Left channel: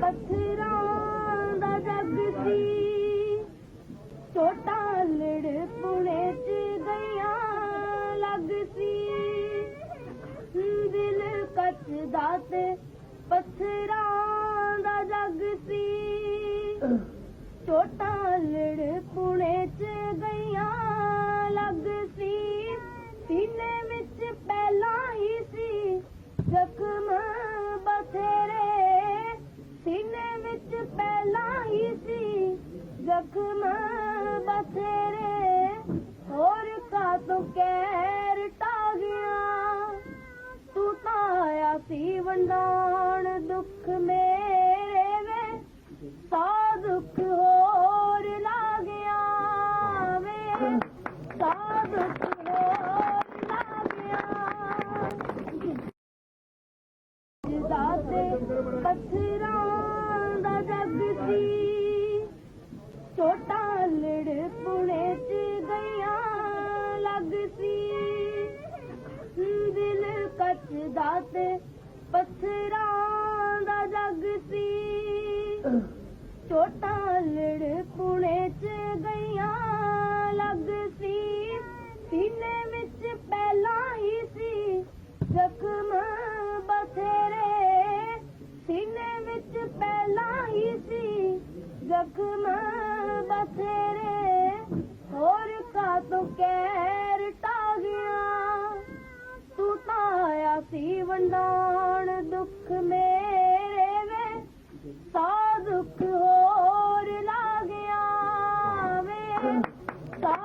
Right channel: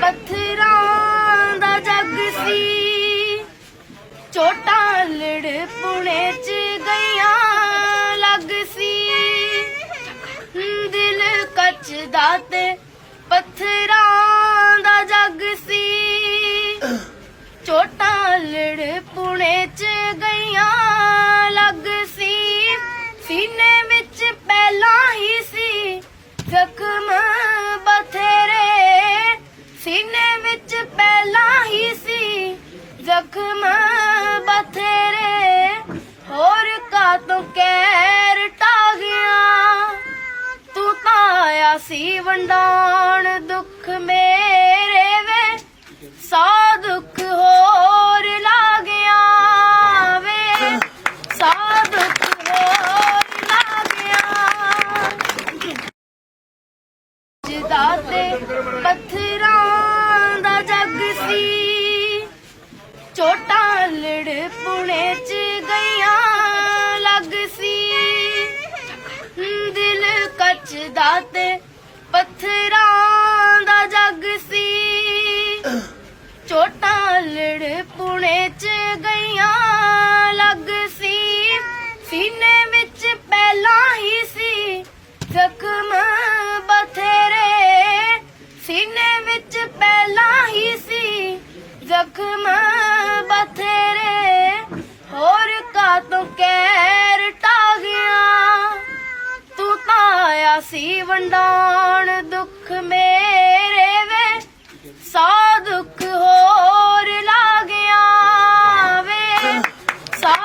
ਪੱਥਰਾਂ ਦਾ ਜੱਗ ਸੀ। ਚੋਟਾਂ ਲੜ ਪੁਣੇ ਚ ਗਈਆਂ ਲੱਗ ਸੀ। ਦਿਲ ਕੱਚਦਾ ਤੇ ਪੱਥਰਾਂ ਦਾ ਜੱਗ ਸੀ। ਚੋਟਾਂ ਲੜ ਪੁਣੇ ਚ ਗਈਆਂ ਲੱਗ ਸੀ। ਵਿੱਚ ਪਹਿਲਾਂ ਹੀ ਸੀ। ਜ਼ਖਮ ਬਥੇਰੇ, ਹੋਰ ਕਾ ਤੂੰ ਕਹਿਰ ਟਾ ਗਿਆ ਤੂੰ ਤਾਂ ਆਇਆ ਸੀ ਵੰਡਾਉਣ ਦੁੱਖ ਮੇ ਲੜ ਪੁਣੇ ਚ ਗਈਆਂ ਲੱਗ ਸੀ। ਦਿਲ ਕੱਚਦਾ ਤੇ ਪੱਥਰਾਂ ਦਾ ਜੱਗ ਸੀ। ਚੋਟਾਂ ਲੜ ਪੁਣੇ ਚ ਗਈਆਂ ਲੱਗ ਸੀ। ਸੀਨੇ ਵਿੱਚ ਪਹਿਲਾਂ ਹੀ ਸੀ। ਜ਼ਖਮ ਦੁੱਖ ਬਥੇਰੇ, ਹੋਰ ਕਾ ਤੂੰ ਕੈਰ ਟਾ ਤੂੰ ਤਾਂ ਆਇਆ ਸੀ ਵੰਡਾਉਣ ਦੁੱਖ ਮੇਰੇ ਵੇ ਸਾ ਦੁੱਖ ਹੋਰ ਲਾ ਗਿਆ ਵੇ। ਸਾ